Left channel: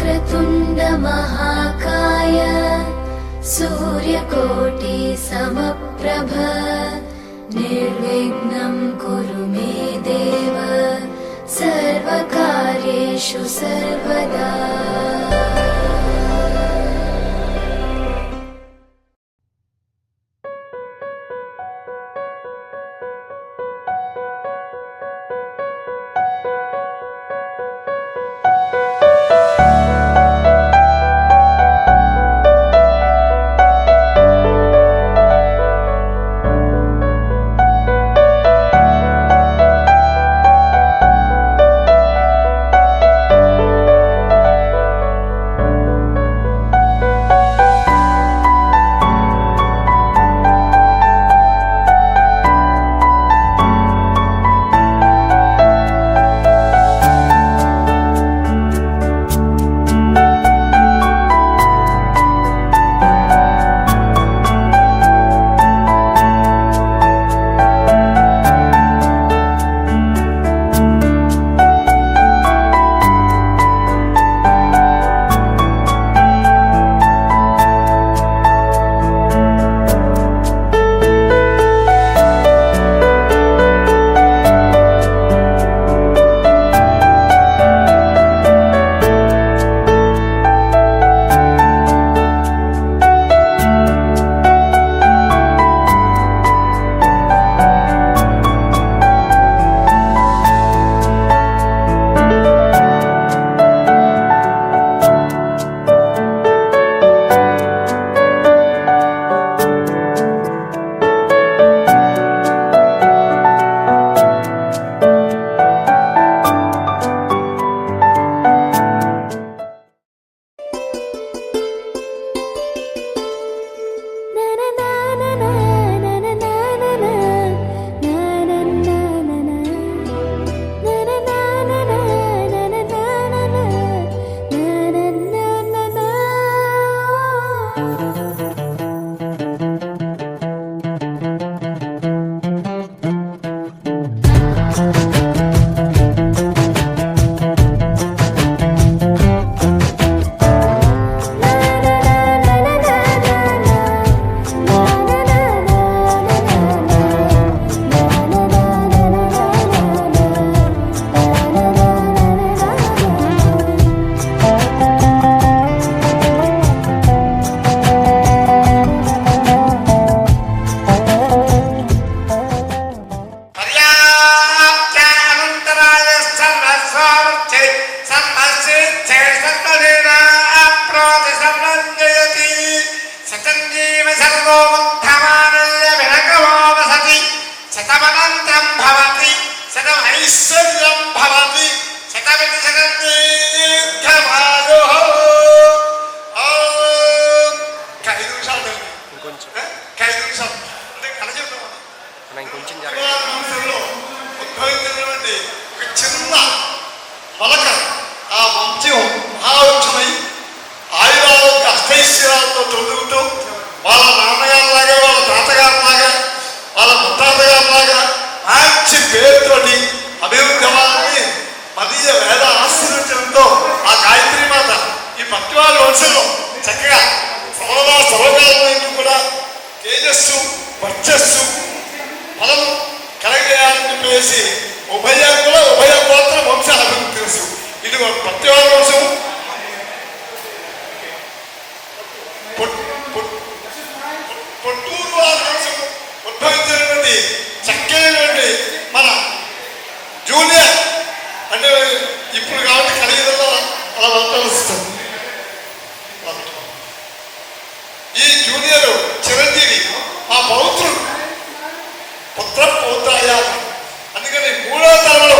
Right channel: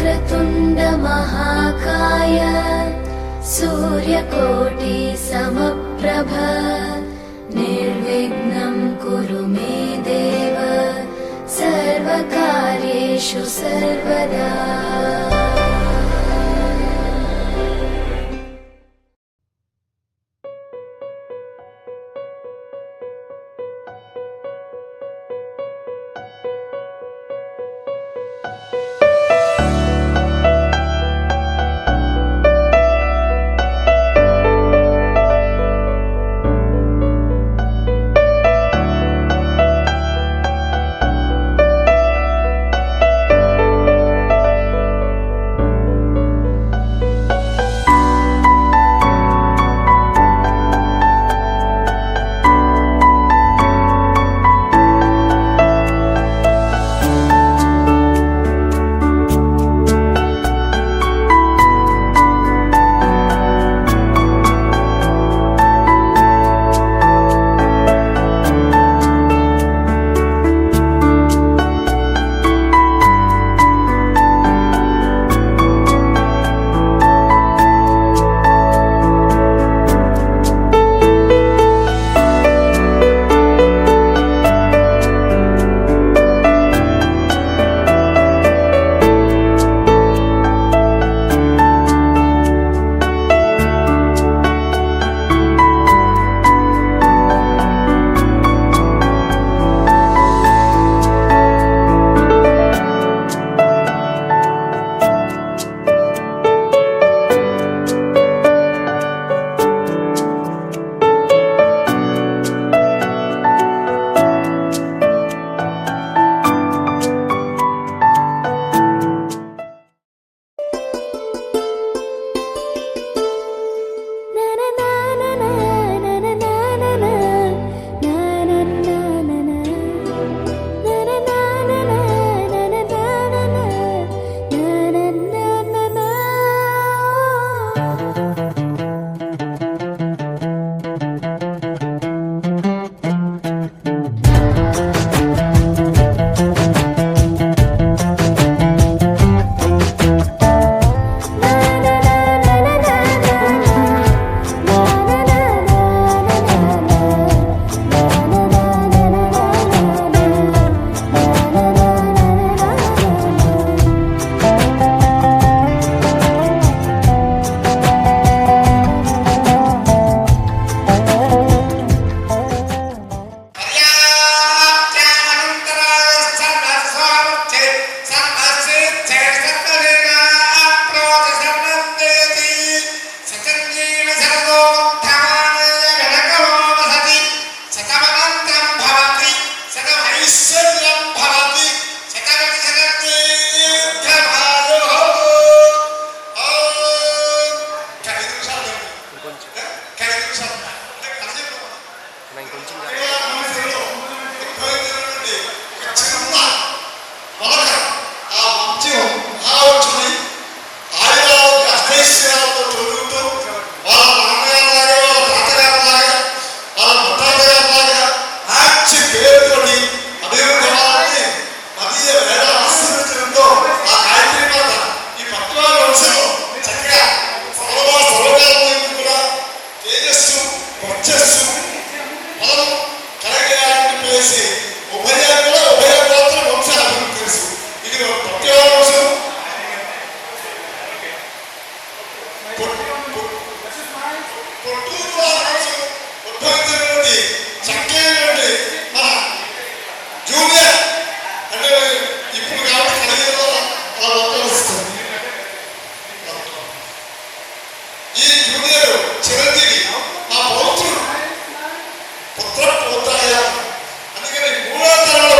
वक्रतुण्ड महाकाय सूर्यकोटि समप्रभ निर्विघ्नं कुरु मे देव सर्वकार्येषु सर्वदा। ఈ జూనియర్ చిరంజీవి మా పౌత్రుడు పుత్ర పోతాయ అందుకని మూడో తరంలో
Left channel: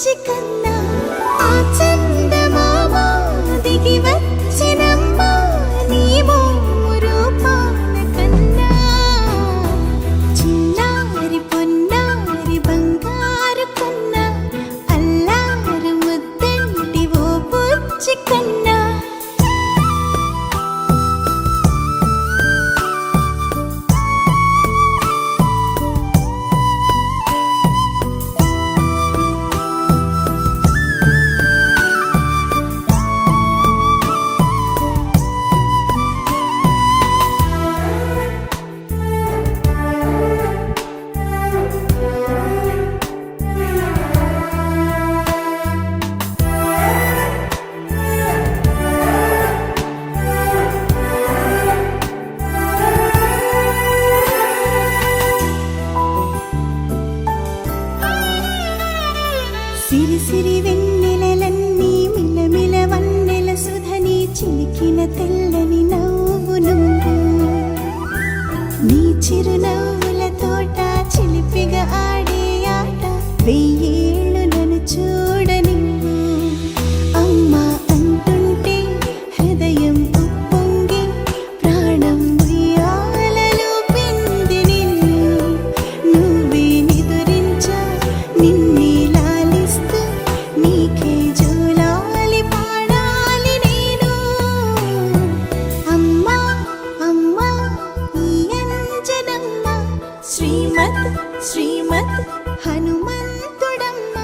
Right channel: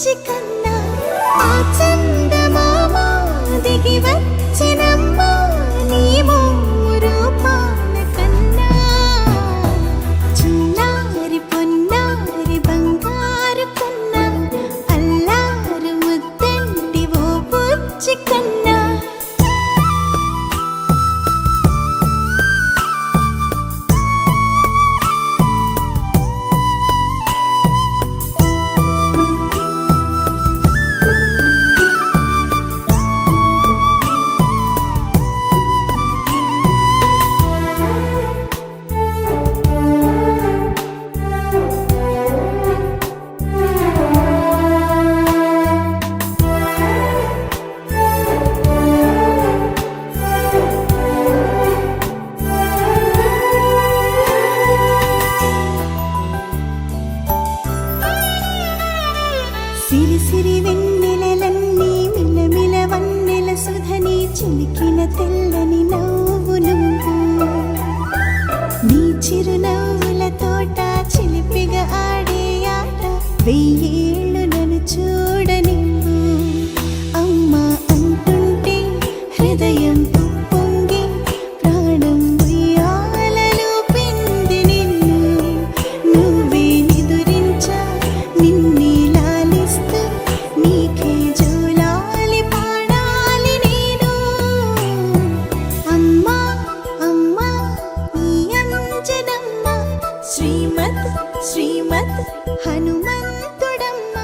బుచ్చి కన్నా ఆ చందమామ దిగి వచ్చినమ్మా నీ మోము రూపాల కన్నా చిన్నారి పొన్నారి బంగారు కన్నా అల్లారు ముద్దంటి ఓ బుచ్చి కన్నా సిరి సిరి వెన్నెలలన్నీ మిలమిల వన్నెల సుధని చిలికిన తెల్లని నవ్వు నువ్వు నీ చిరునవ్వుల తోట చిలిపిగా ఆడే ఆట వెయ్యేళ్ళు నన్ను చూడనివ్వు అమ్మా అంటుంటే హృదయం ఉప్పొంగి ప్రాణం ఉయ్యాలలో పిండి నిన్ను నువ్వే నిదురించా నిన్నే లాలిస్తూ నీకే జోలాలి పాడాలి నేను అమ్మా అమ్మా ఈ అంజనమ్మ శ్రీమత్ శ్రీమత్ హనుమంతుడమ్మ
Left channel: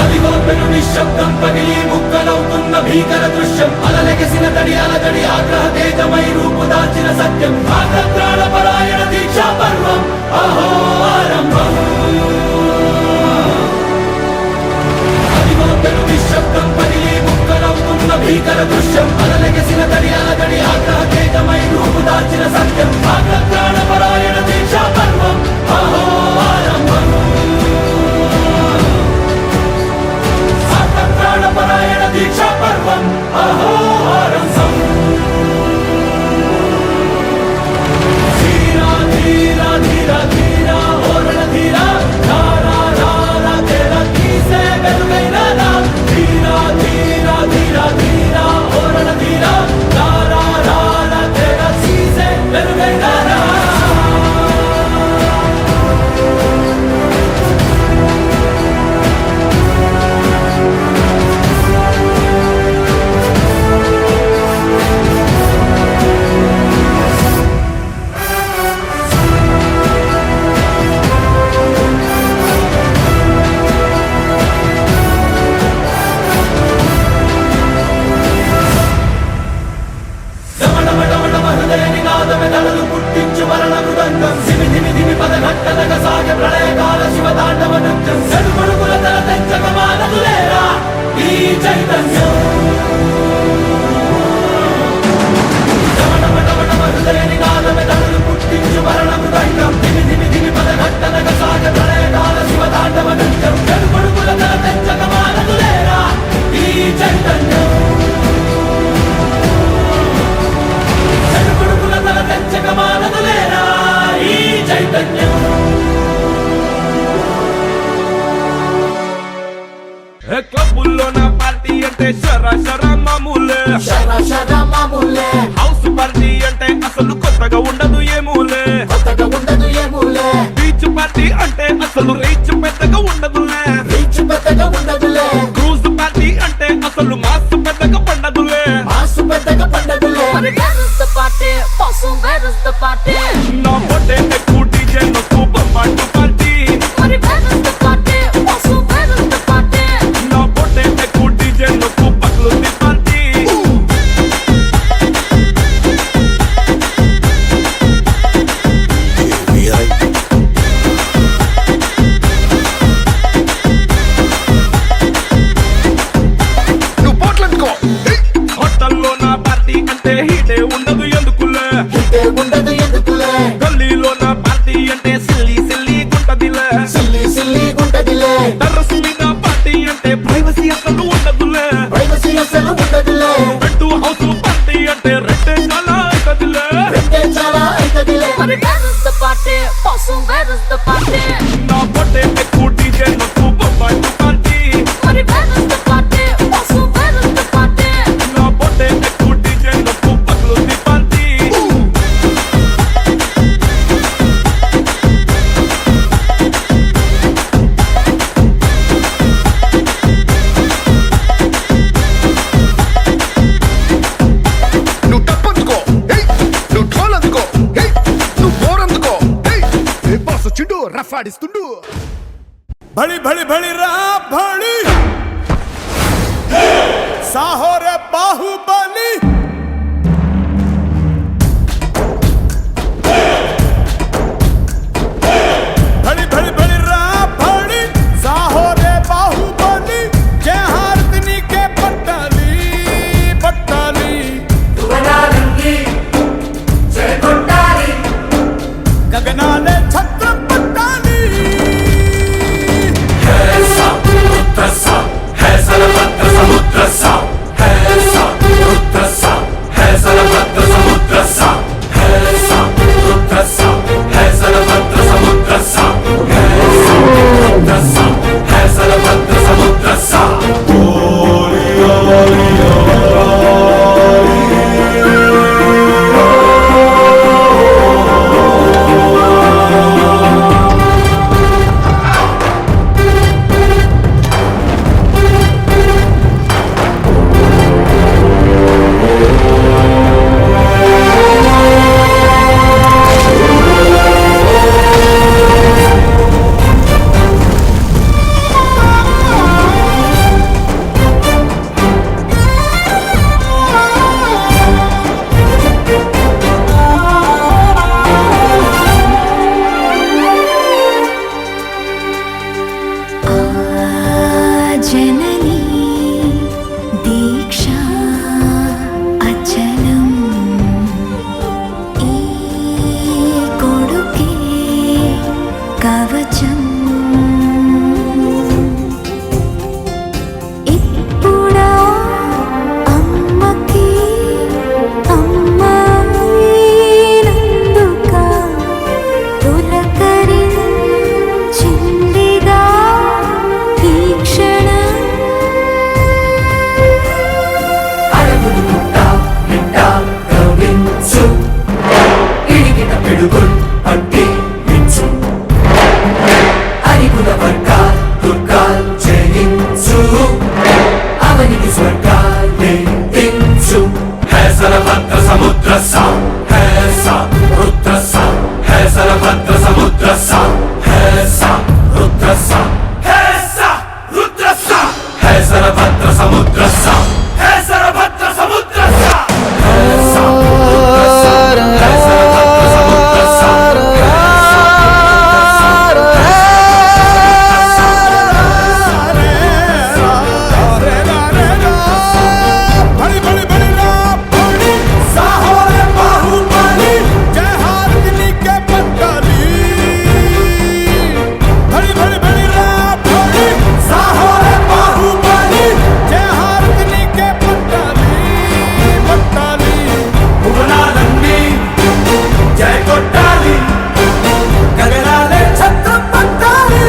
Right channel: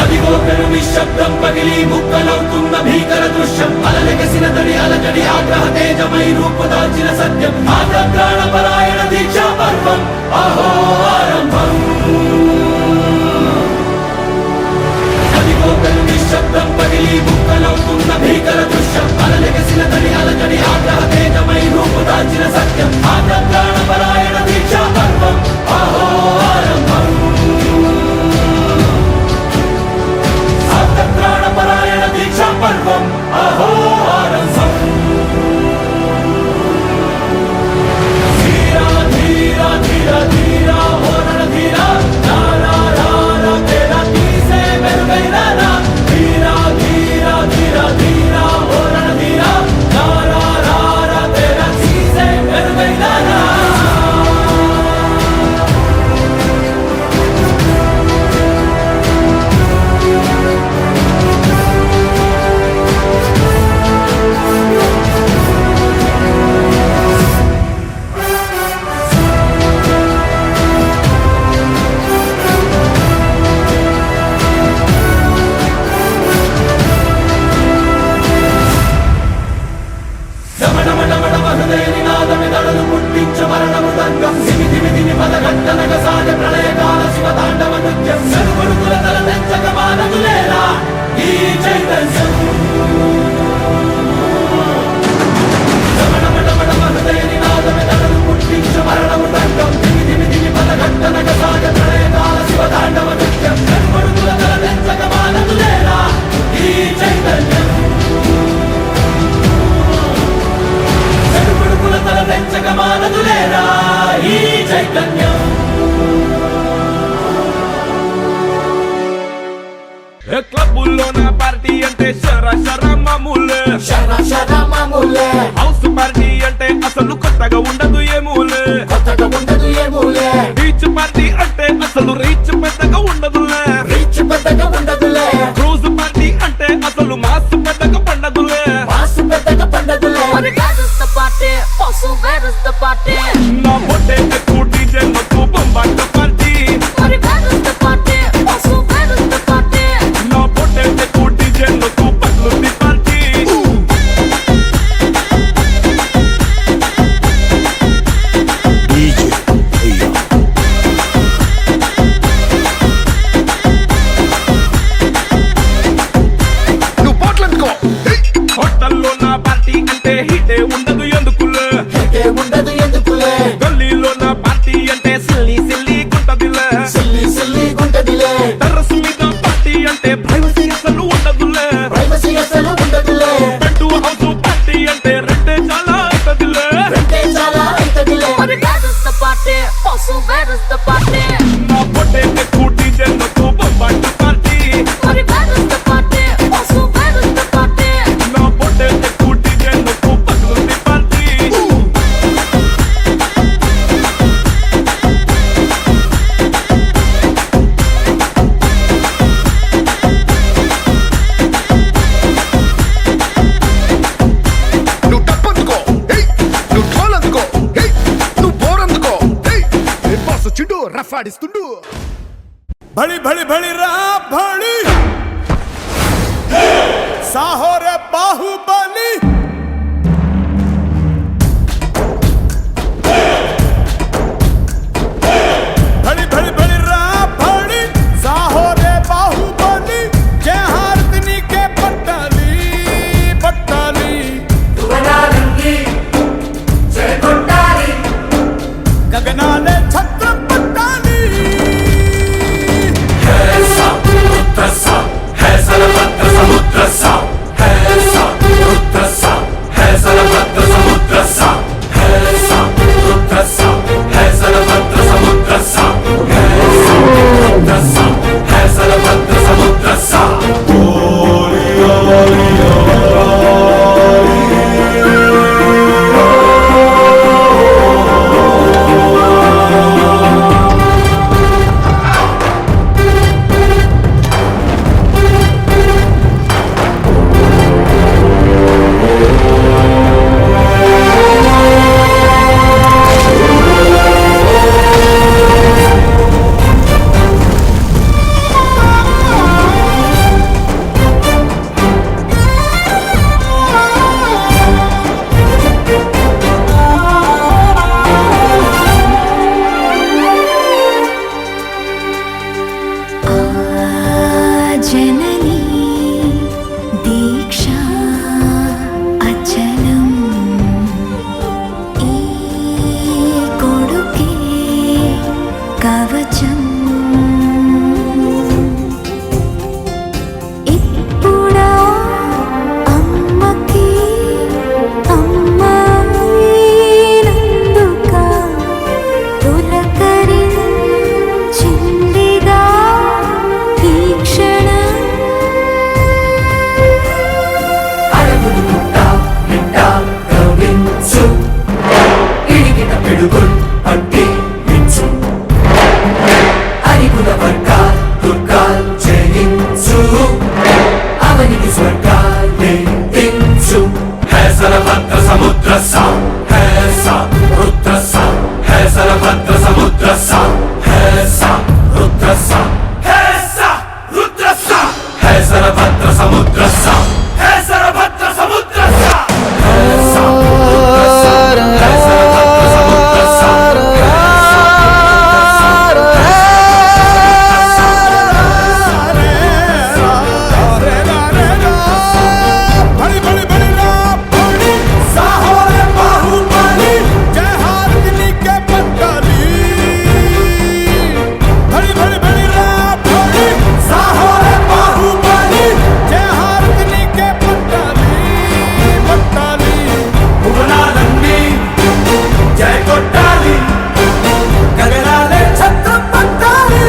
అదిగో పెను నిశ్శబ్దం పగిలి ముక్కలవుతున్న భీకర దృశ్యం అలలెగసిన తడి అలజడి ఆగ్రహ తేజమై రూపుదాల్చిన సత్యం ఆగ్రహ పరాయణ దీక్షా పర్వం అహో ఆరంభం అదిగో పెను నిశ్శబ్దం పగిలి ముక్కలవుతున్న భీకర దృశ్యం అలలెగసిన తడి అలజడి ఆగ్రహ తేజమై రూపుదాల్చిన సత్యం ఆగ్రహ పరాయణ దీక్షా పర్వం అహో ఆరంభం ప్రాణపరాయణ దీక్షా పర్వం అహో ఆరంభం ధీరా ధీరా ధీరా ధీరా ఓరణ ధీరా రారా రారా తేరా తీసే వెలుగైన రా ధీరా ధీరా ధీరా ధీరా ఓరణ ధీరా రారా రారా తేరా తీసే వెలుగైన రా నినాదమెదడులు పుట్టించు మరణ మృదంగం ధిమి ధిమి ధిమి పదఘట్టనగ సాగ ప్రళయకాల శివ తాండవ నృత్యం చెరుకొడుకుల తల తెంచక మానదులేరా ఈ చైతన్యం రమణమటమటమ హృదయ నినాదమెదడులు పుట్టించు మరణ మృదంగం ధిమి ధిమి ధిమి పదఘట్టనగ సాగ ప్రళయకాల శివ తాండవ నృత్యం చెరుకొడుకుల తల తెంచక మానదులేరా ఈ చైతన్యం చెడుపుడుకుల తల తెంచక మానదులేరా ఈ చైతన్యం క్లబ్బుల్లోన పార్టీ అంటే శర మామూలే హౌస్ పార్టీ అంటే అసలు కొత్తగా ఉండదు ఏమూలే బీచ్ పార్టీ అంటే అసలు రీచ్ పెద్దగా ఉండదులే క్రూజ్ పార్టీ అంటే అసలు మాస్ పెద్దగా పండదులే నా బొట్టే ఎక్కువ డీజే నొక్కు బొమ్బాట పార్టీ నా బొట్టే ఎక్కువ డీజే నొక్కు పట్లుంది పార్టీ నువ్వు పోట్లనుకో హోటల్లో నా పార్టీ అంటే హీటే ఉండదు ఎందుకులే గల్లీలో నా పార్టీ అంటే సిల్లి సిల్లి గుంటదిలే టెర్రస్ మీద పార్టీ అంటే ప్రైవసీ అసలు ఉండదులే పెట్టు హౌస్ పార్టీ అంటే రెండే చాలా అవుతదిలే నా పొట్టే ఎక్కువ డీజే నొక్కు పట్టు పార్టీ మరి వేరొస్తే పార్టీ పసు వేరొస్తే పార్టీ నా బొట్టే ఎక్కువ డీజే నొక్కు పగులుంది పార్టీ నువ్వు టప్పందుకో హే నువ్వు ఢోల్ అందుకో హే నువ్వు బోర్ అందుకో హే ఏ బాస్ వచ్చిండు రఫ్ ఆడిస్తుండు भड़ी भड़ी भड़ी रा भड़ी साहो रे बाहुबली भड़ी भड़ी भड़ी रा भड़ी साहो रे बाहुबली जय हारतनी के पट्टाली पट्टाली गगनाले छत्र पट्टाली जननी दीक्षा अचलम् कोडुके कवचम् इप्पुडा अम्मकी अम्मायिनंदुका पुलकरिंचिंदिगा ఈ క్షణం भड़ी भड़ी भड़ी रा भड़ी साहो रे बाहुबली जय हारतनी के पट्टाली भड़ी भड़ी भड़ी रा भड़ी साहो रे बाहुबली जय हारतनी के पट्टाली पट्टाली भुवनालन्नी जय कोट्टाली गगनाले छत्र पट्टाली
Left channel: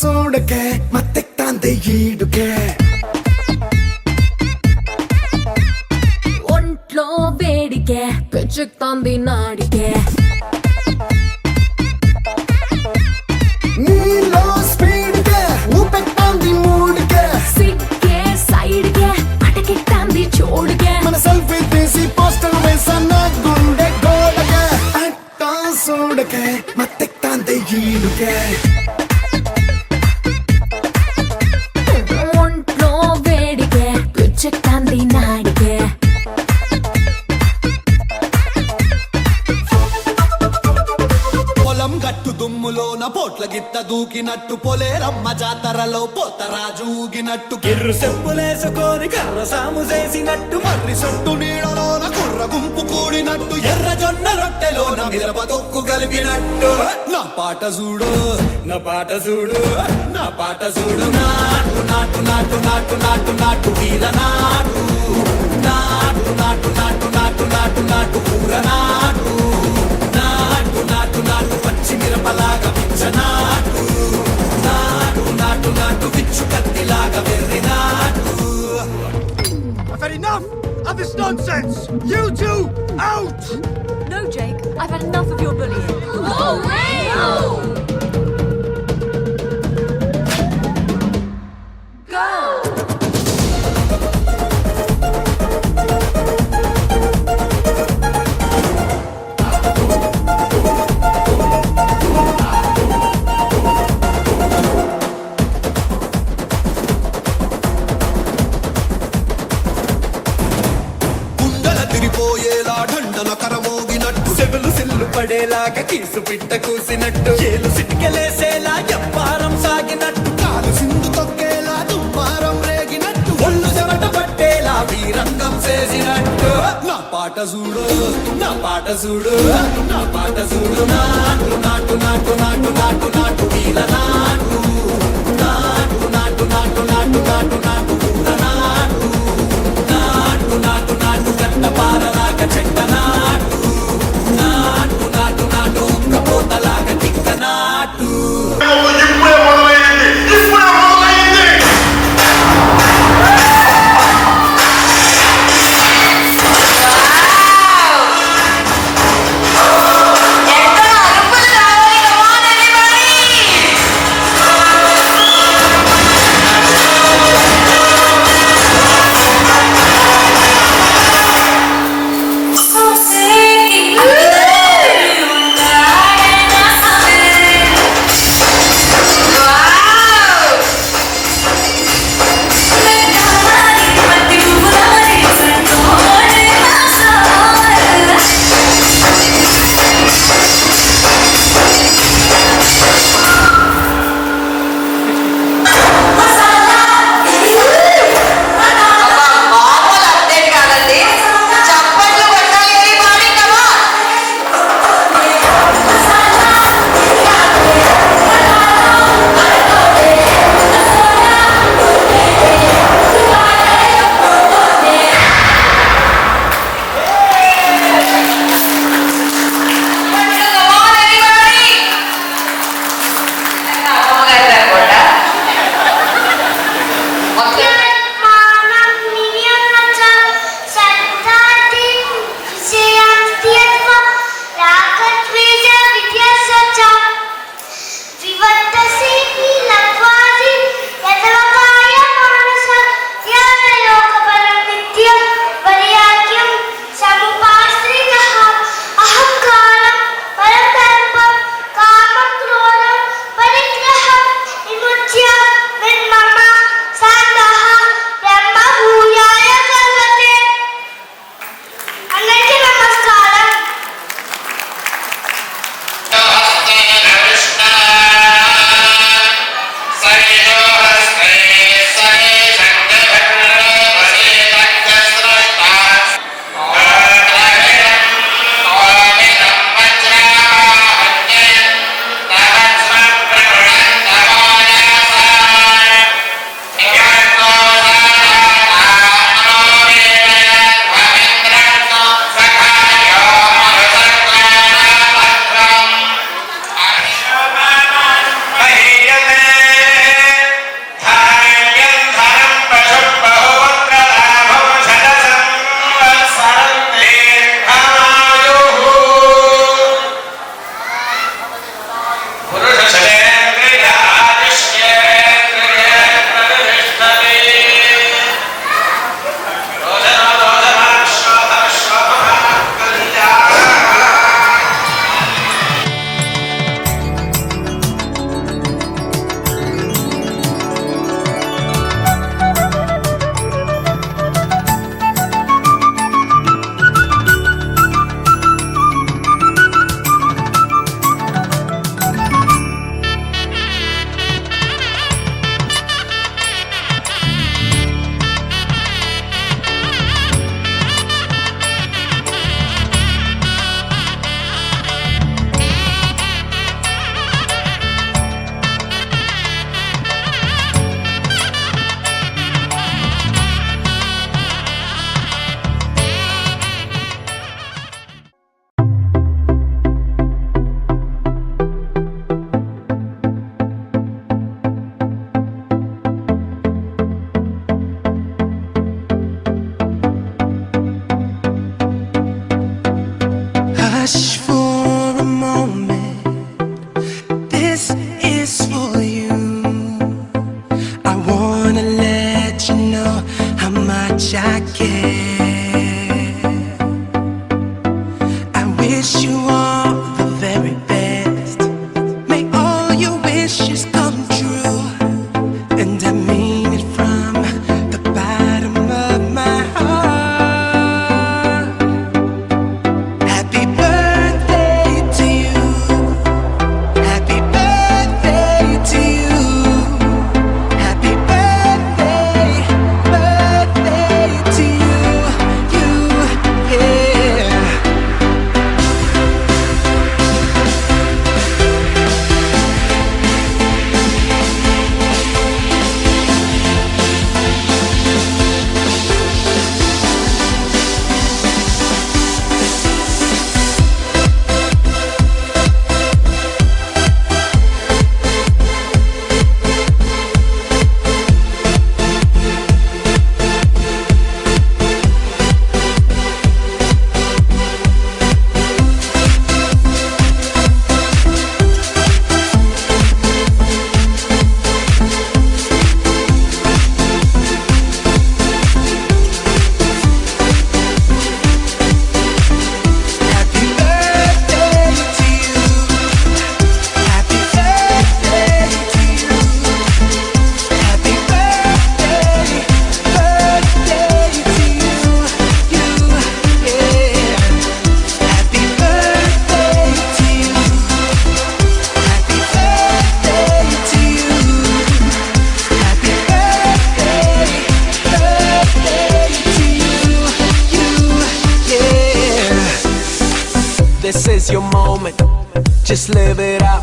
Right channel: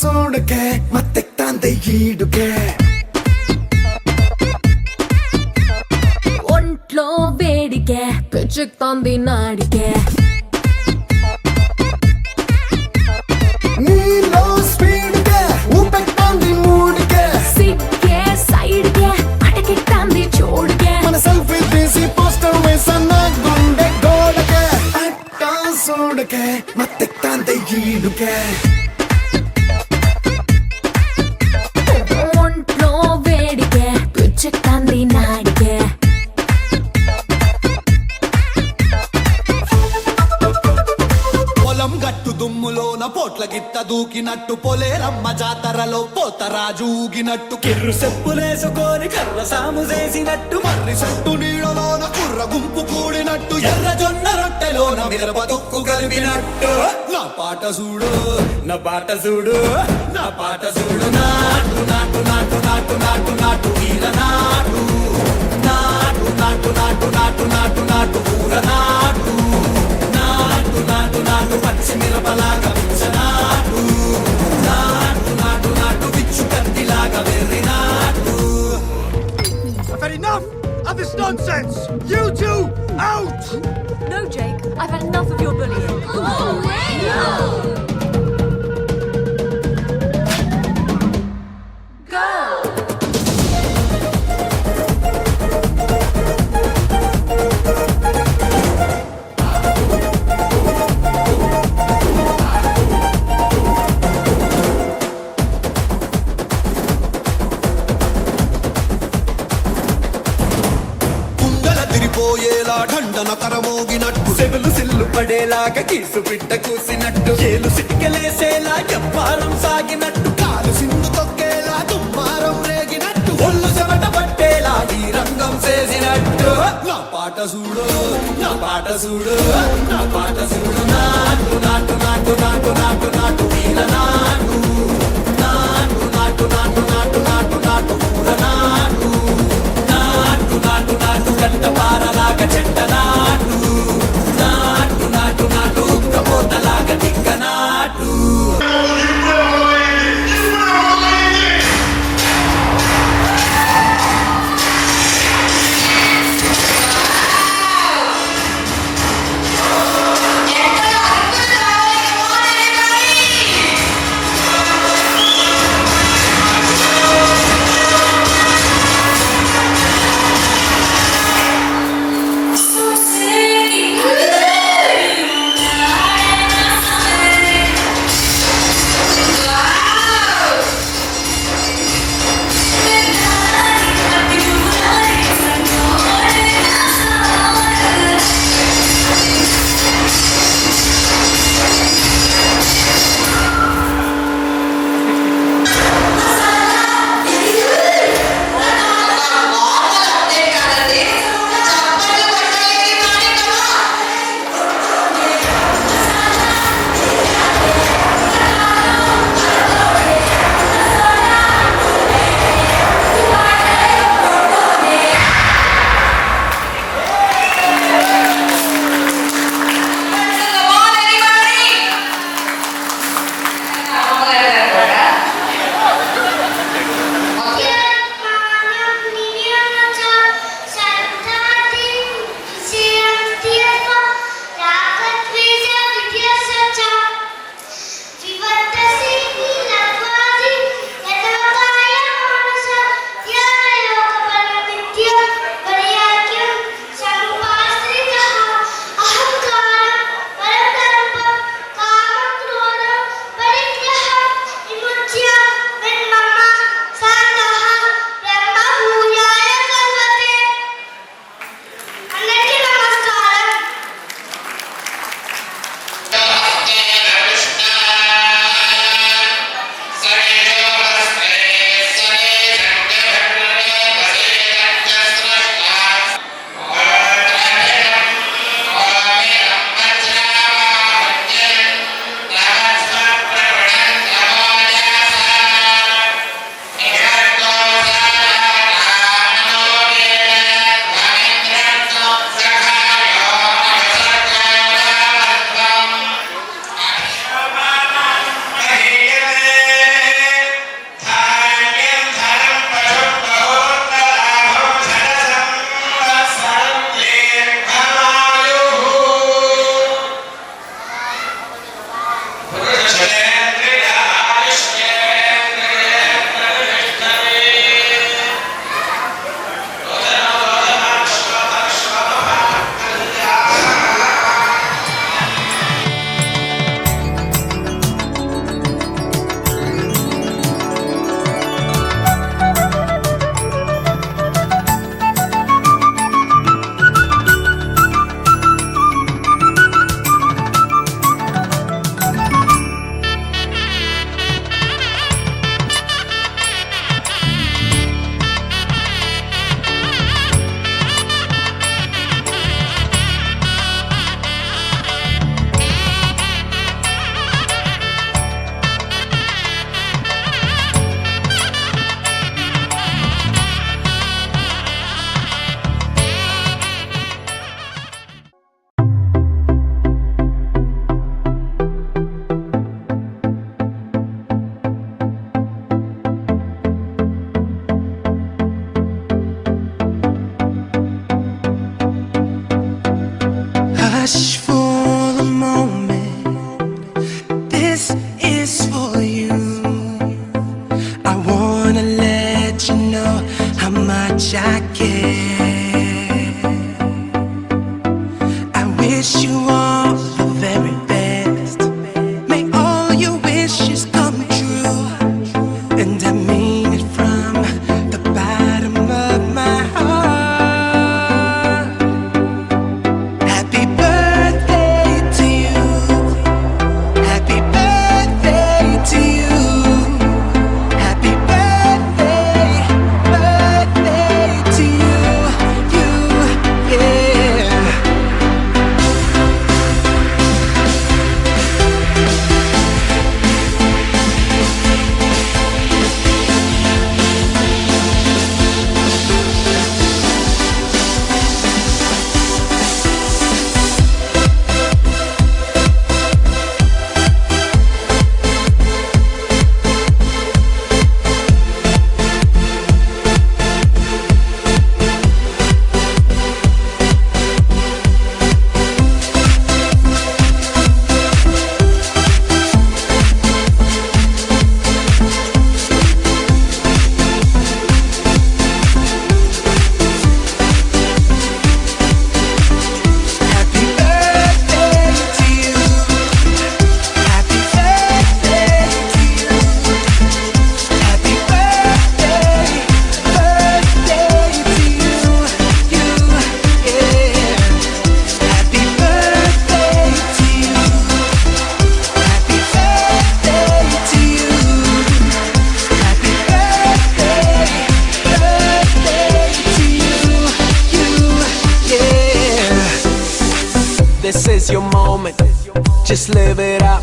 ಸೋಡಕ್ಕೆ ಮತ್ತೆ ತಂದೆ ಈಡುಗೆ ఒంట్లో వేడికే పిచ్చెక్కుతోంది నాడికే నీలో స్పీడ్కే ఊపెట్టాంది మూడుకే సిగ్గే సైడ్కే అటకెట్టాంది చూడుకే మన సెల్ఫీ తీసి పోస్టర్ వేసన్న గుండె గోడకే అట్ట సోడకే ಮತ್ತೆ ತಂದೆ ಈಡುಗೆ ఒంట్లో వేడికే పిచ్చెక్కుతోంది నాడికే దూకినట్టు పొలేరమ్మ జాతరలో పోతరాజు ఊగినట్టు కిర్రు చెప్పులేసుకొని కర్ర సాము చేసినట్టు మర్రి చెట్టు నీడలోన కుర్ర గుంపు కూడినట్టు ఎర్ర జొన్న రొట్టెలోన మిరప తొక్కు కలిపినట్టు నా పాట చూడు నా పాట చూడు నా పాట చూడు నాటు నాటు నాటు నాటు నాటు నాటు కీల నాటు నాటు నాటు నాటు నాటు నాటు నాటు పూర నాటు నాటు నాటు నాటు పచ్చి మిరపలాగా పిచ్చ నాటు నాటు నాటు నాటు పిచ్చు కత్తిలాగా వెర్రి నాటు. I've had enough of this nonsense. You two out. No, Jake, I've had enough of your bullying. కుండల తిరిపోయేలా ఢండన కరమోగినట్టు సెవులు సిల్లు పడేలాగా కీసు పిట్ట కూసినట్టు ఏలు సిటికెలేసేలా ఎప్పారం సాగినట్టు కాలు సింధు తొక్కేలా దుమ్మారం రేగినట్టు ఒళ్ళు చెమట పట్టేలా వీరంగం చేసినట్టు నా పాట చూడు నా పాట చూడు నా పాట చూడు నాటు నాటు నాటు నాటు నాటు నాటు కీల నాటు నాటు నాటు నాటు నాటు నాటు నాటు పూల నాటు నాటు నాటు నాటు గంట పారలాగా చెట్ట నాటు నాటు నాటు నాటు ఉక్కపోతలాగా టిక్క నాటు. Come on, everybody! This is your moment, just live it up.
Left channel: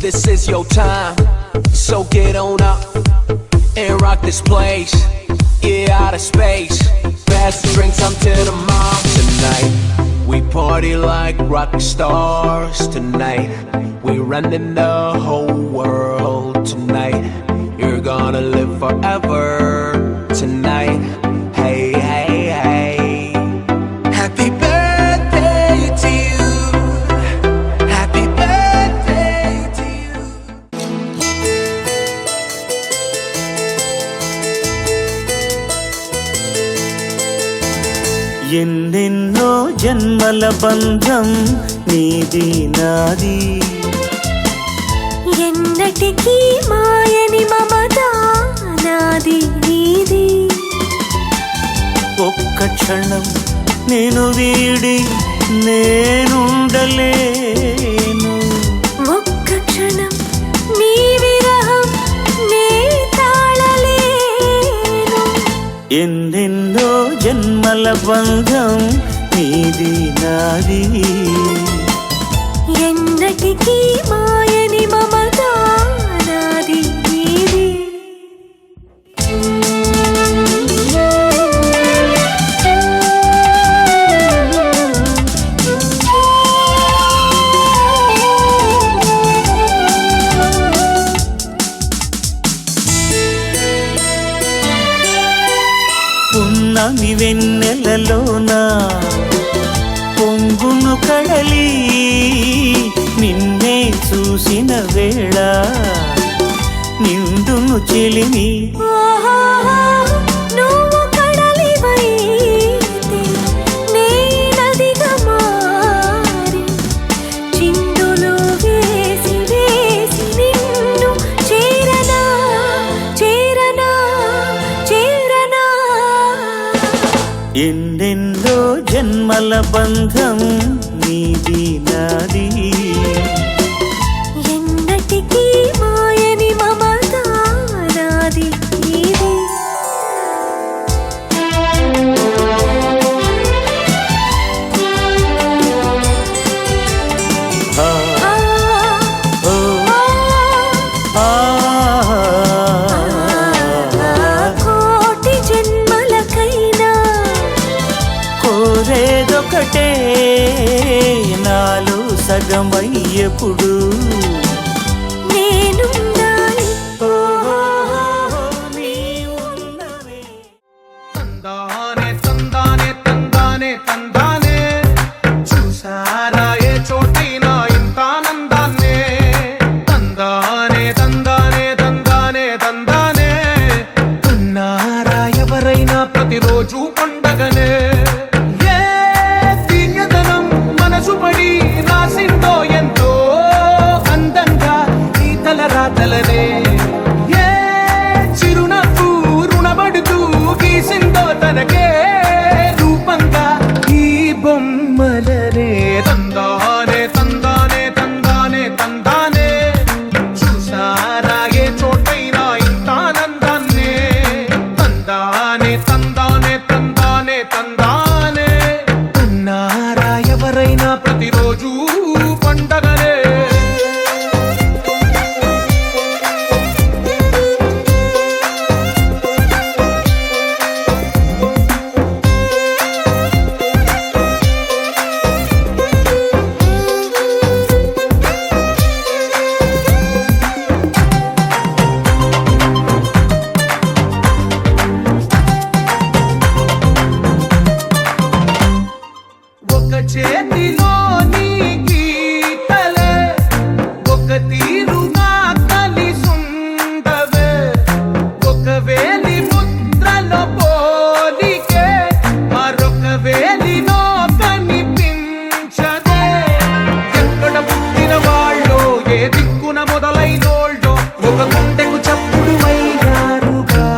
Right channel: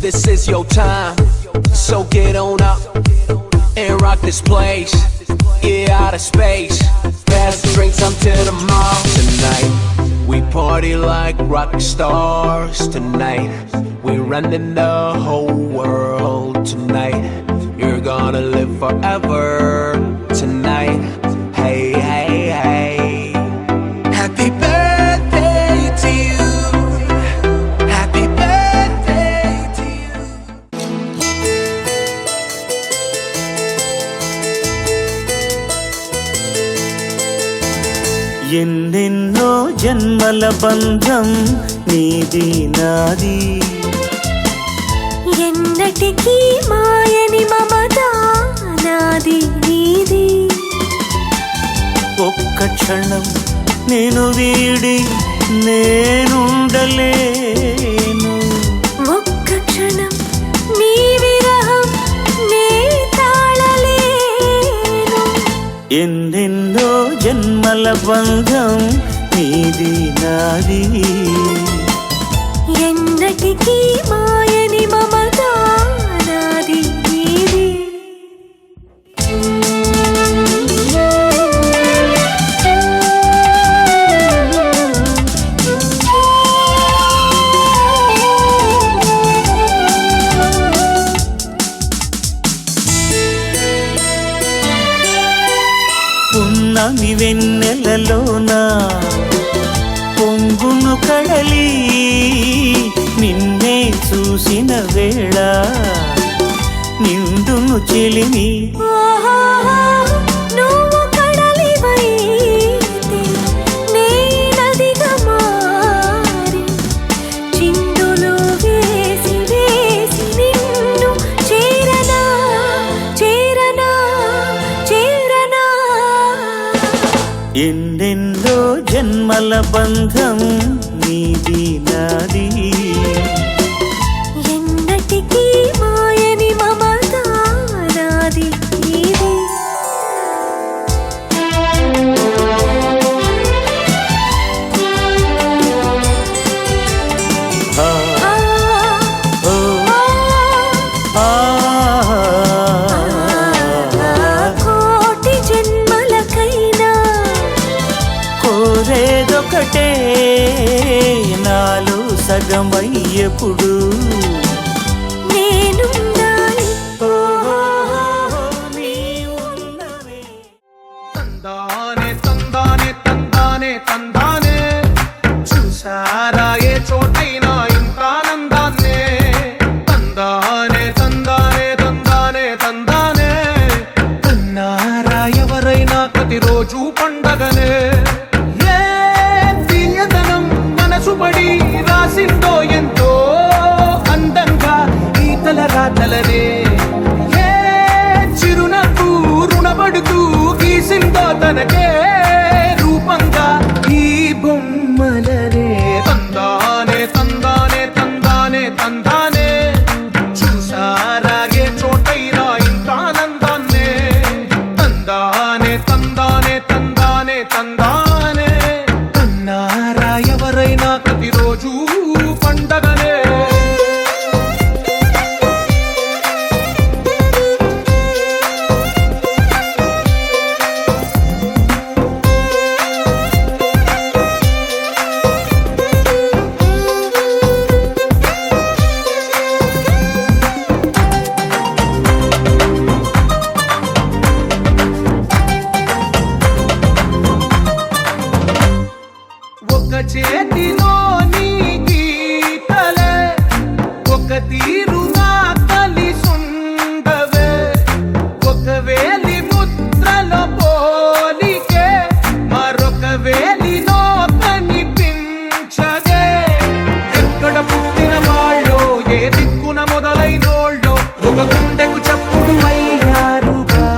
This is your time, so get on up and rock this place. Yeah, out of space. Pass the drinks up to the mall. Tonight, we party like rock stars. Tonight, we running the whole world. Tonight, you're gonna live forever. Tonight, hey, hey, hey. Happy birthday to you. Happy birthday to you. ఎన్నెన్నో జన్మల బంధం నీది నాది, ఎన్నటికీ మాయని మమత నాది నీది. ఒక్క క్షణం నేను వీడి నేనుండలేను. ఒక్క క్షణం నీ విరహం నే తాళలేను. ఎన్నెన్నో జన్మల బంధం నీది నాది, ఎన్నటికీ మాయని మమత నాది నీది. పున్నమి వెన్నెలలోన పొంగును కడలి నిన్నే చూసిన వేళ నిండును చెలిమి. ఓహో, నువ్వు కడలివైతే నే నదిగా మారి చిందులు వేసి వేసి నిన్ను చేరనా చేరనా చేరనా. ఎన్నెన్నో జన్మల బంధం నీది నాది, ఎన్నటికీ మాయని మమత నాది నీది. ఆ, ఆ, ఓ, ఆ, ఆ, కోటి జన్మలకైనా కోరేదొకటే నాలో సగమయ్యప్పుడు నేనుండాలి. నీ ఉన్నవే. తందానే తందానే తందానే తందానే చూసారా ఏ చోటైనా ఇంత ఆనందాన్నే తందానే తందానే తందానే తందానే కన్నారా ఎవరైనా ప్రతిరోజు పండగనే ఏ దివ్యతనం మనసు పడి రాసిందో ఎంతో అందంగా ఈ తలరాతలనే ఏ చిరునవ్వు రుణపడుతూ గీసిందో తనకే రూపంగా ఈ బొమ్మలనే తందానే తందానే తందానే తందానే చూసారా ఏ చోటైనా ఇంత ఆనందాన్నే తందానే తందానే తందానే తందానే కన్నారా ఎవరైనా ప్రతిరోజు పండగనే. ఒక చేతిలో నీ గీతలే ఒక తీరుగా కలిసుండవే ఒక వేలి ముద్రలో పోలికే మరొక వేలిలో కనిపించదే ఎక్కడ పుట్టిన వాళ్ళో ఏ దిక్కున మొదలైనోళ్ళో ఒక గుండెకు చప్పుడు అయ్యారుగా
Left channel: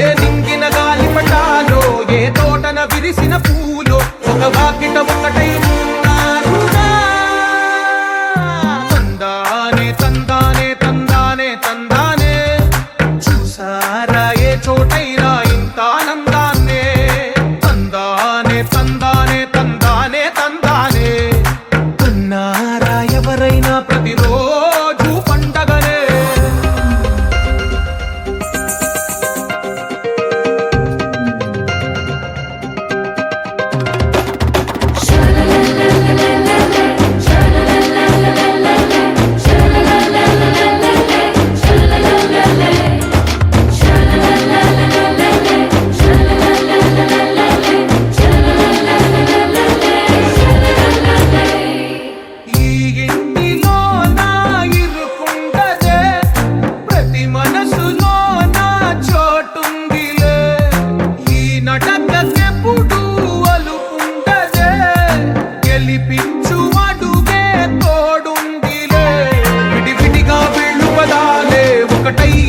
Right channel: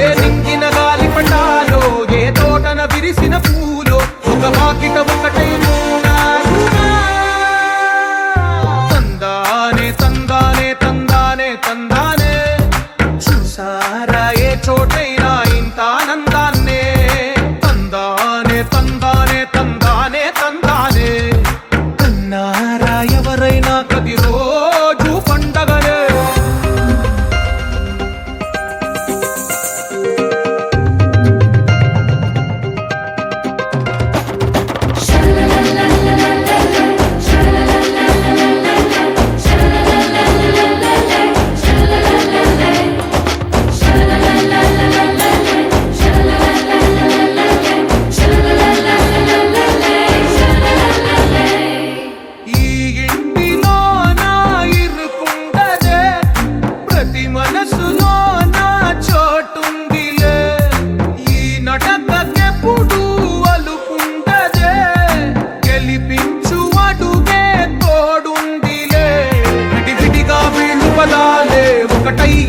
ఏ దింగిన గాలి పండాలో ఏ తోటన విరిసిన పూలో ఒక వాకిట ఒకటై ఉన్నారుగా తందానే తందానే తందానే తందానే చూసారా ఏ చోటైనా ఇంత ఆనందాన్నే తందానే తందానే తందానే తందానే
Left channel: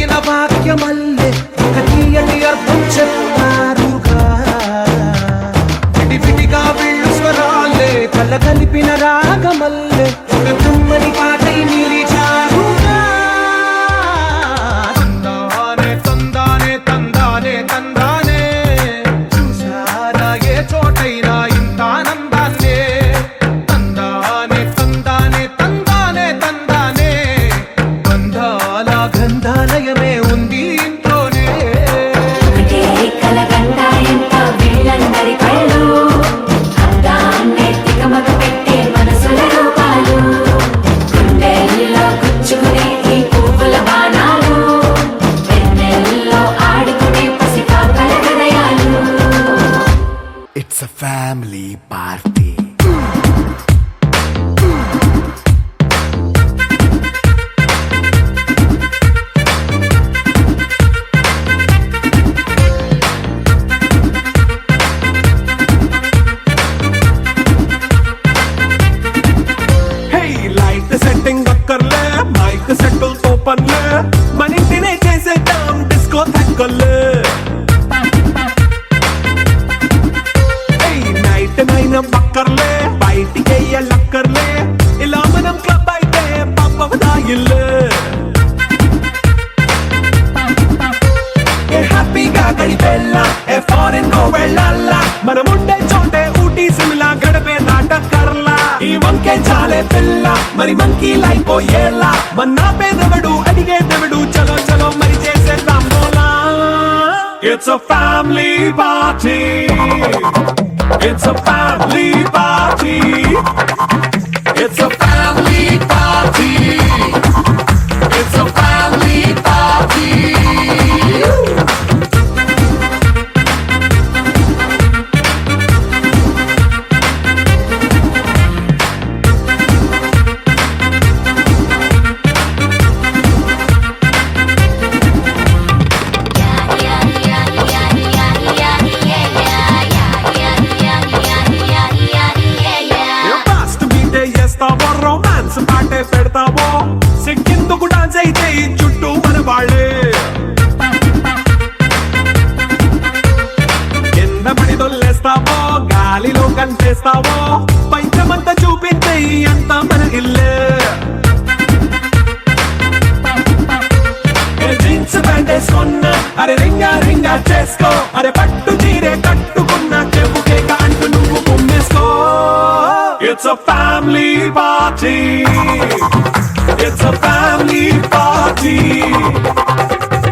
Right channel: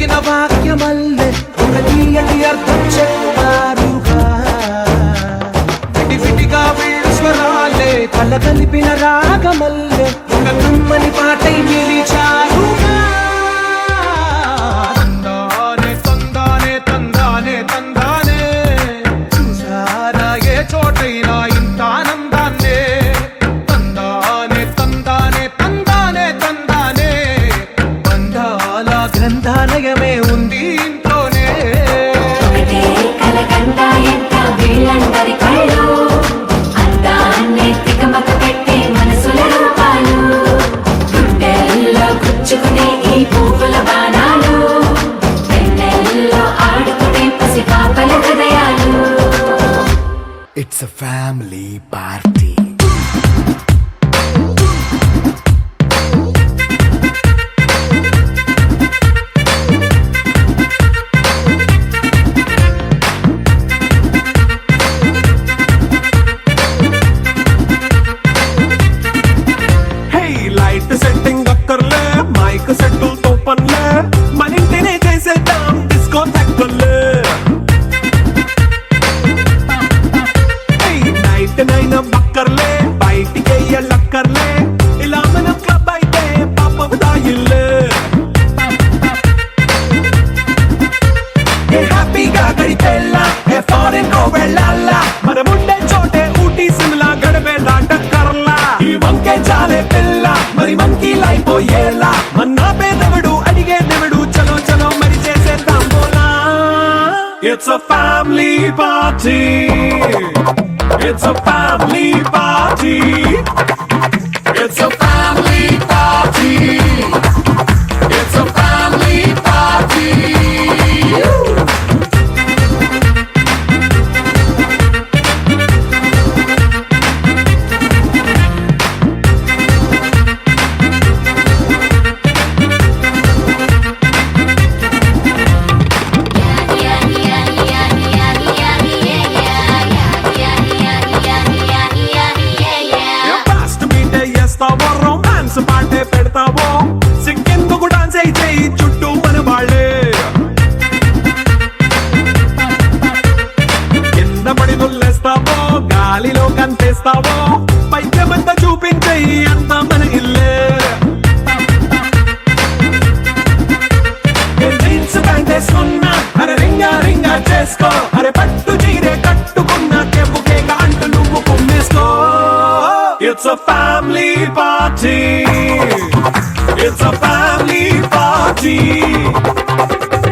పలికిన వాక్యమల్లే ఒక తీయటి అర్థం చెప్పారుగా విడివిడిగా వీళ్ళు స్వరాలే కల కలిపిన రాగమల్లే ఒక కమ్మని పాటై నిలిచారుగా తందానే తందానే తందానే తందానే చూసారా ఏ చోటైనా ఇంత ఆనందాన్నే తందానే తందానే తందానే తందానే బంధాల గంధాలయమే ఉంది ఇంట్లోనే కలకండ ఎంత వీళ్ళందరి కళ్ళు అందాన్నే తికమక పెట్టే మనసుల రూపాలు గుండెల్లో గుచ్చుకునే ఈ పువ్వుల బాణాలు వెన్నెల్లో ఆడుకునే పసిపాపల హృదయాలు It's a family party. Hey light setting అక్కర్లే మైక్ సెట్టుల్ తో పర్లే మన ఇంటినే చేసేద్దాం డిస్కో తక్కర్లే హే నైట్ నైన్ బక్కర్లే బయటికి వెయ్యలక్కర్లే ఇలా మనం క్లబ్ అయితే పాప దాయిల్లే ఏ హ్యాపీగా గడిపెళ్ళ ఏ ఫారెన్ కో వెళ్ళాల మనం ఉండే చోటే ఊటీ సిమ్లా గడిపే దాటక్కర్లా ఈ వంకే చాలే పిల్ల మరి మంకీ లైఫ్ ఏళ్ళ మన్నా పేదవడు అడిగేదెవడు చలో చలో మరి చేసేద్దాం బోలా it's a family party it's a family party it's a family party it's a family party fast బీటే చేస్తావో రొమాన్స్ పాటే పెడతావో సిక్కెందుకు డాన్స్ అయితే చుట్టూ మన వాళ్ళే కింద పడి దొల్లేస్తావో గాలిలో కంతేస్తావో పైత్యమంతా చూపించే అంతా మన ఇల్లే జీన్స్ ప్యాంటే సొన్న అరే రింగా రింగా చేసుకో అరే పట్టు చీరే కట్టుకున్న చెప్పుకే కాంటు నువ్వు కొమ్మేసుకో it's a family party it's a family party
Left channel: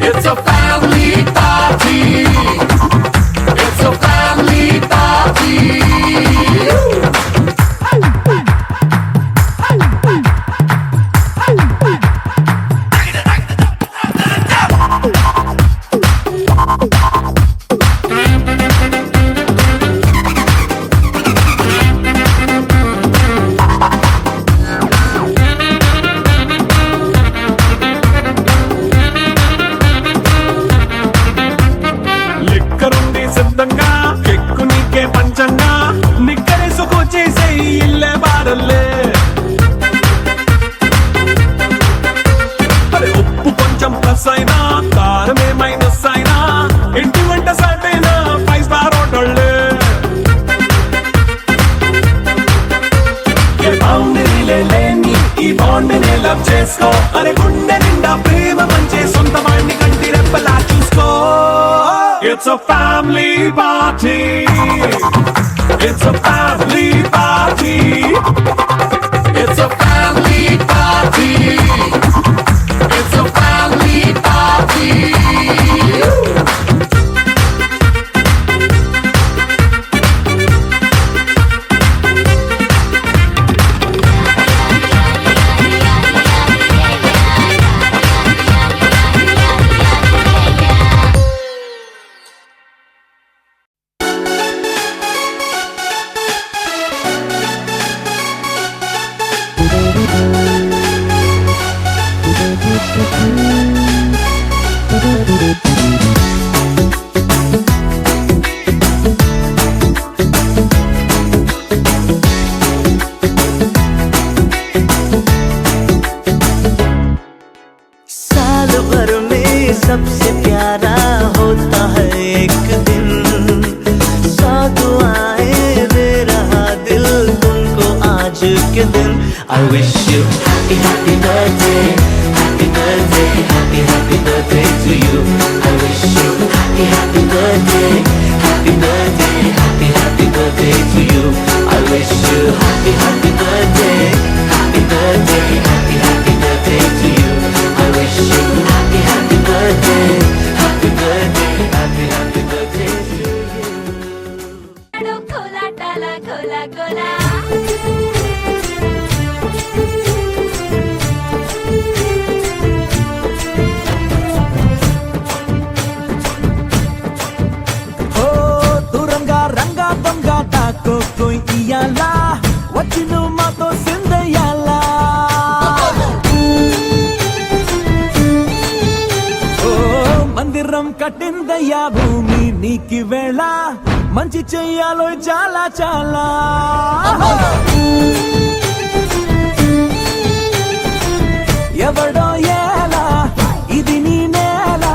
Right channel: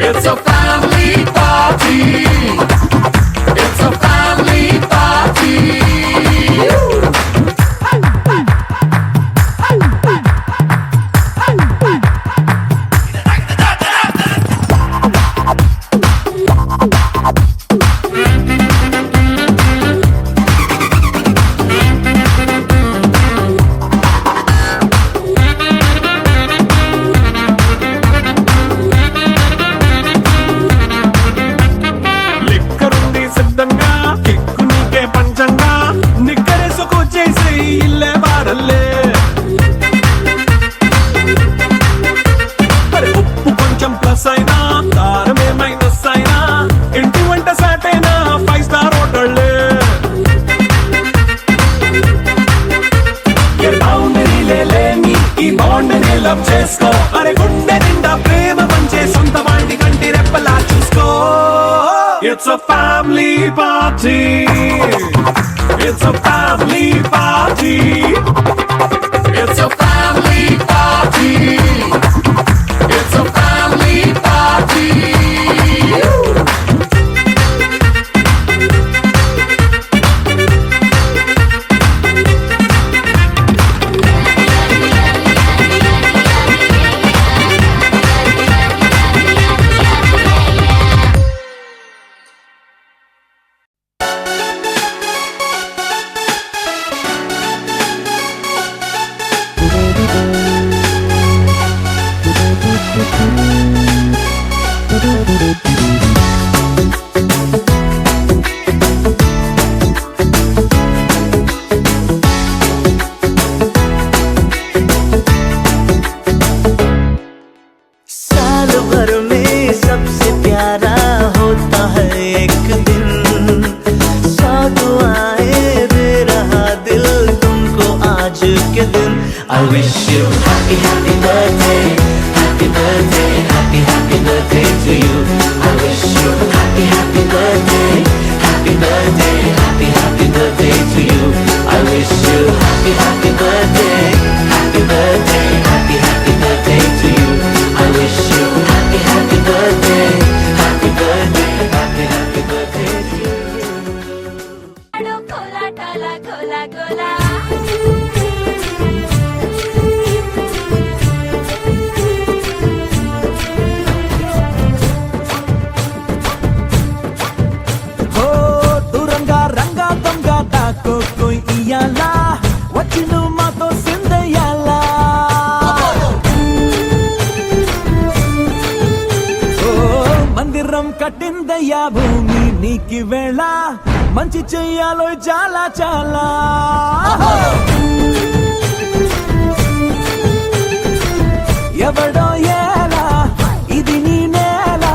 it's a family party it's a family party లిక్కరుంది సిద్ధంగా ఎక్కు నీకే పంచంగా నిక్కరేసుకు చేసే ఇల్లే బారల్లే అరే ఉప్పు కొంచెం ప్లస్ అయినా కారమే మైనస్ అయినా ఇంటి వంట సాటైనా 5 స్టార్ హోటళ్ళే ఏ బౌండరీలే లేని ఈ బాండ్ ని లవ్ చేసుకో అరే గుండె నిండా ప్రేమ పంచే సొంత వాణ్ణి కంటి రెప్పలా చూసుకో it's a family party it's a family party it's a family party it's a family party I wish you happy, happy birthday. Happy birthday, happy, happy birthday to you. I wish you happy, happy birthday. Happy birthday, happy, happy birthday to you. I wish you happy, happy birthday. Happy birthday, happy, happy birthday to you. I wish you happy, happy birthday. Happy birthday, happy, happy birthday to you. కోలాటాల కోలా కోలా హో దూరంగా రంగా దొంగ దాకో కోయి ఇయ్యాలా వచ్చి నువ్వు మాతో సిందయ్యాలా ఓ మందిరం కట్టిందయ్యా భూమి నీకి వేళ మంచి చెయ్యాలో చాలా చాలా ఎవడో ఎలా ఇది నీ నేల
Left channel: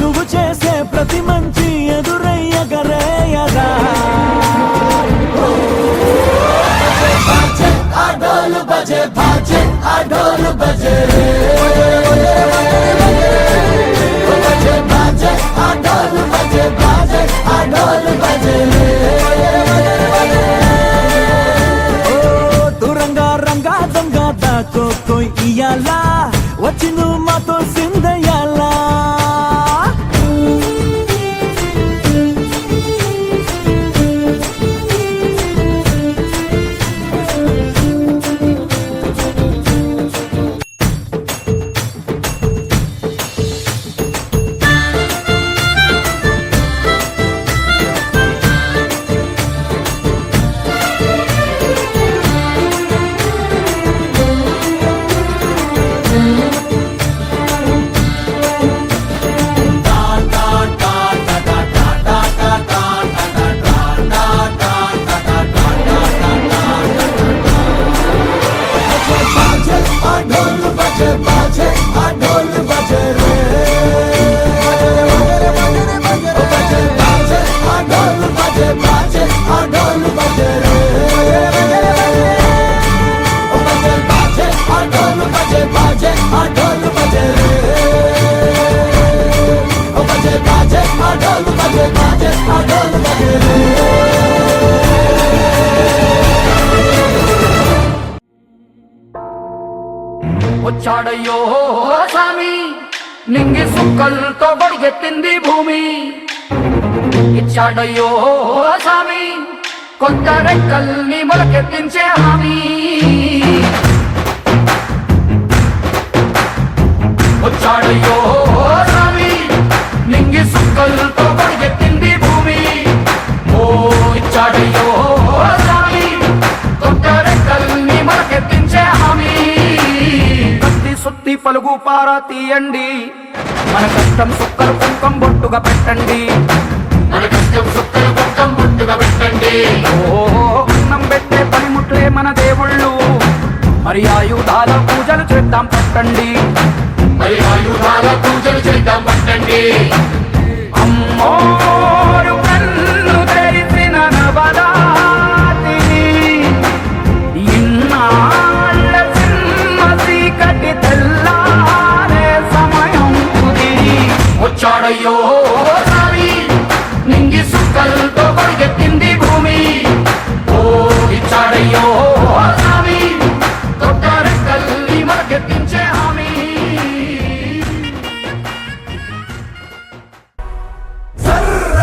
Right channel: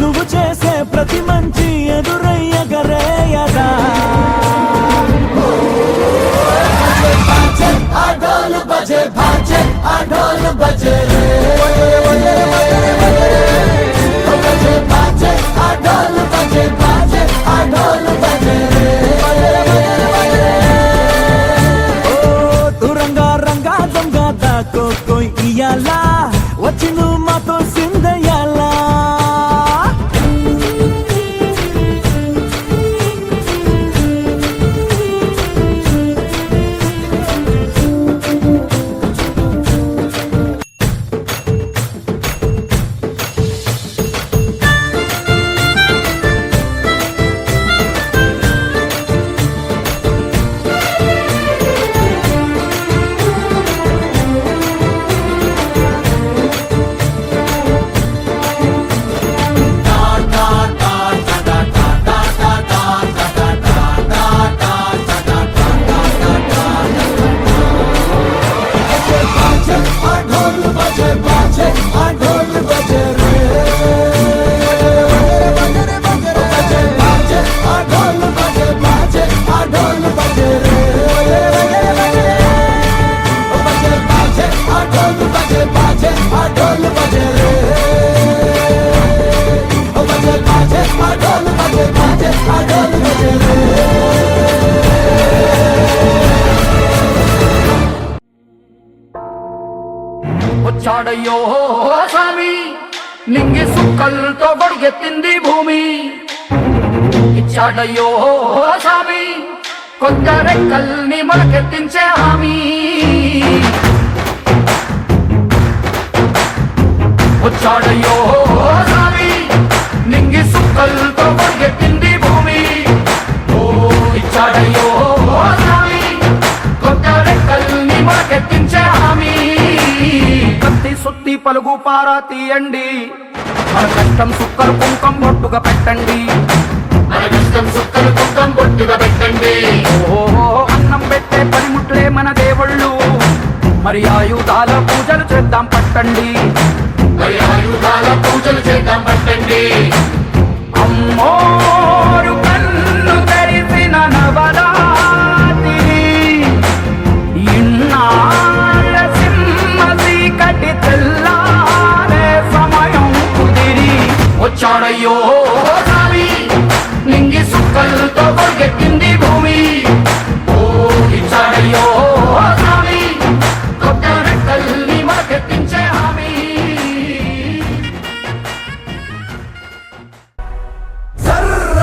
నువ్వు చేసే ప్రతి మంచి ఎదురయ్యగరేయదా బజే బాజే ఆ డోలు బజే బాజే ఆ డోలు బజే రే బజే బాజే ఆ డోలు బజే బాజే ఆ డోలు బజే రే ఓ దూరంగా రంగా దొంగ దాకో కోయి ఇయ్యాలా వచ్చి నువ్వు మాతో సిందయ్యాలా వచ్చాడయ్యో స్వామి నింగి సుక్కలతో బడిగెత్తింది భూమి ఇచ్చాడయ్యో స్వామి కొత్త రెక్కల్ని మొలకెత్తించే హామీ వచ్చాడయ్యో స్వామి నింగి సుక్కలతో బడిగెత్తింది భూమి ఓ ఇచ్చాడయ్యో స్వామి కొత్త రెక్కల్ని మొలకెత్తించే హామీ కత్తి సుత్తి పలుగు పారా తీయండి మన కష్టం సుక్కలు కుంకం బొట్టుగా పెట్టండి మన కష్టం సుక్కలు కుంకం బొట్టుగా పెట్టండి ఓ అన్నం పెట్టే పనిముట్లే మన దేవుళ్ళు మరి ఆయుధాల పూజలు చేద్దాం పట్టండి మరి ఆయుధాల పూజలు చేద్దాం పట్టండి అమ్మోరు కన్ను తెరిసిన నవరాత్రి ఇన్నాళ్ళ సింహ చీకటి తెల్లారే సమయం కుదిరి వచ్చాడయ్యో స్వామి నింగి సుక్కలతో కొడుకెత్తింది భూమి ఓ ఇచ్చాడయ్యో స్వామి కొత్త రెక్కల్ని మొలకెత్తించే హామీ సర్ర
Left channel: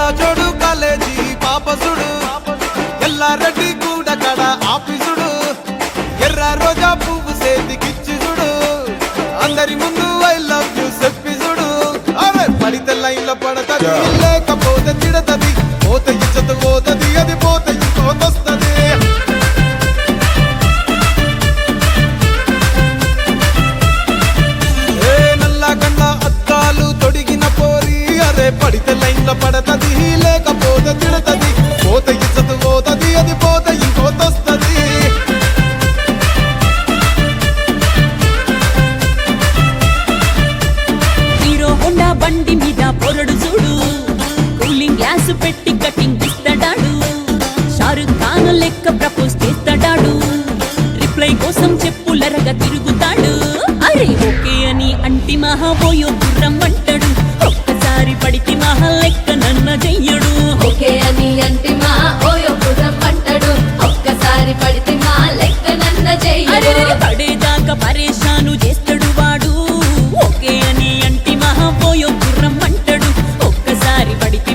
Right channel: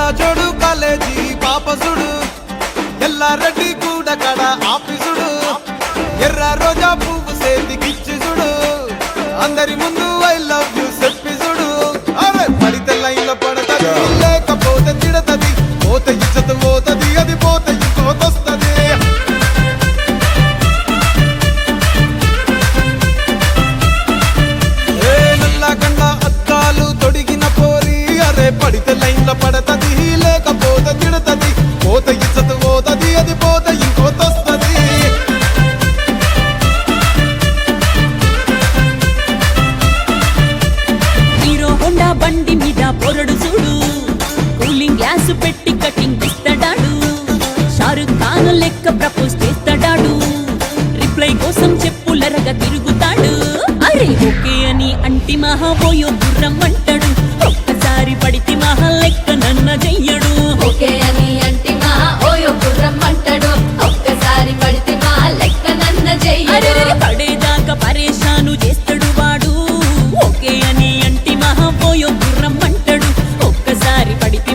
కళ్ళ జోడు కాలేజీ పాపసుడు ఎల్లారెడ్డి కూడా కడ ఆఫీసుడు ఎర్ర రోజా పువ్వు సేతికిచ్చి చూడు అందరి ముందు ఐ లవ్ యూ చెప్పి చూడు అరే పడితే లైన్లో పడతది లేకపోతే తిడతది పోత ఇచ్చత పోతది అది పోత ఇంకోతొస్తది ఏ నల్ల కండ్ల అద్దాలు తొడిగిన పోరి అరే పడితే లైన్లో పడతది లేకపోతే తిడతది పోత ఇచ్చత పోతది అది పోత ఇంకోతొస్తది హీరో హోండా బండి మీద పొరడు చూడు కూలింగ్ గ్లాస్ పెట్టి కటింగ్ ఇస్తాడాడు షారుఖ్ ఖాన్ లెక్క ప్రపోజ్ చేస్తాడాడు రిప్లై కోసం చెప్పులరగా తిరుగుతాడు అరే ఓకే అని అంటి మహాబోయో గుర్రం అంటాడు ఒక్కసారి పడితే మహా లెక్క నన్న చెయ్యడు ఓకే అది అంటే మా ఓయో గుర్రం అంటాడు ఒక్కసారి పడితే మా లెక్క నన్న అరే చెయ్యడు పడేదాకా పరేషాను చేస్తాడు వాడు ఓకే అని అంటి మహాబోయో గుర్రం అంటాడు ఒక్కసారి పడితే